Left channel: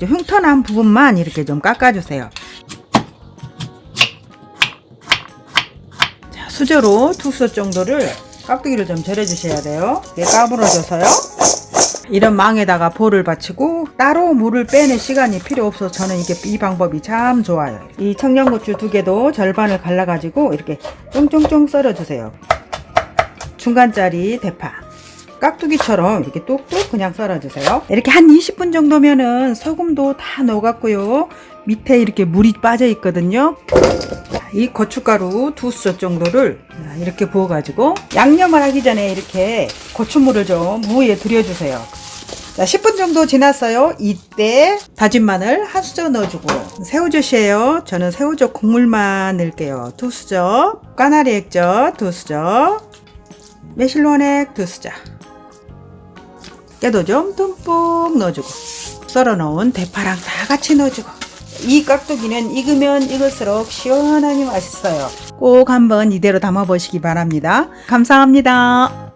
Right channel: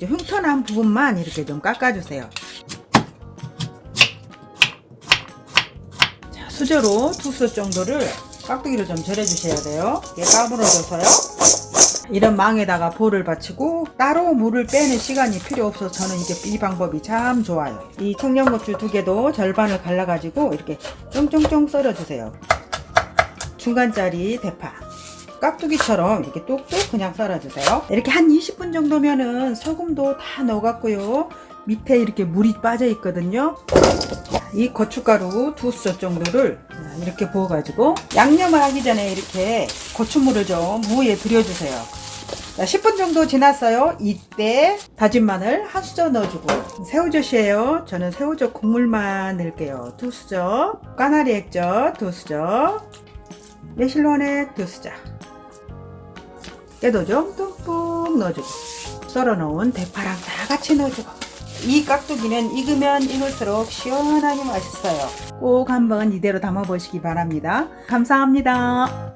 흉터난 부분만 이렇게 좀 깎아주세요. 자, 수저로 두수 정도를 깍두기를 좀 절여주셔야 돼요. 이게 까불어져서요. 이런 망에다가 볼을 받치고 따로 물을 빼는 시간이 필요 없어서 저는 이게 이 방법이 참 좋아요. 이 청양고추 두 개도 절반을 갈라가지고 이렇게 쫑쫑쫑 썰어주세요. 중간짜리 대파. 깍두기처럼 이렇게 뚝뚝 그냥 썰어주세요. 이렇게 한 20분 정도면은 소금도 다 녹았고요. 밑에 이렇게 물이 빠져 있거든요. 자, 이 고춧가루 두수 정도를 이렇게 부어가지고 양념을 하기 전에 이렇게 고추물을 좀 무에 들여주세요. 자, 10분 정도 지났어요. 이때 다진 마늘 한 수저 넣어주고 새우젓이에요. 저는 새우젓 국물만 넣을게요. 두 수저, 까나리 액젓 두 수저, 매실론액 두 수저, 깨도 좀 듬뿍 넣어주고 썰어 놓은 대파랑 다 같이 넣어주고 이 깍두기는 익으면 익을수록 시원하니 맛있어요. 꼭 한번 이대로 담아 보시기 바랍니다. 감사합니다.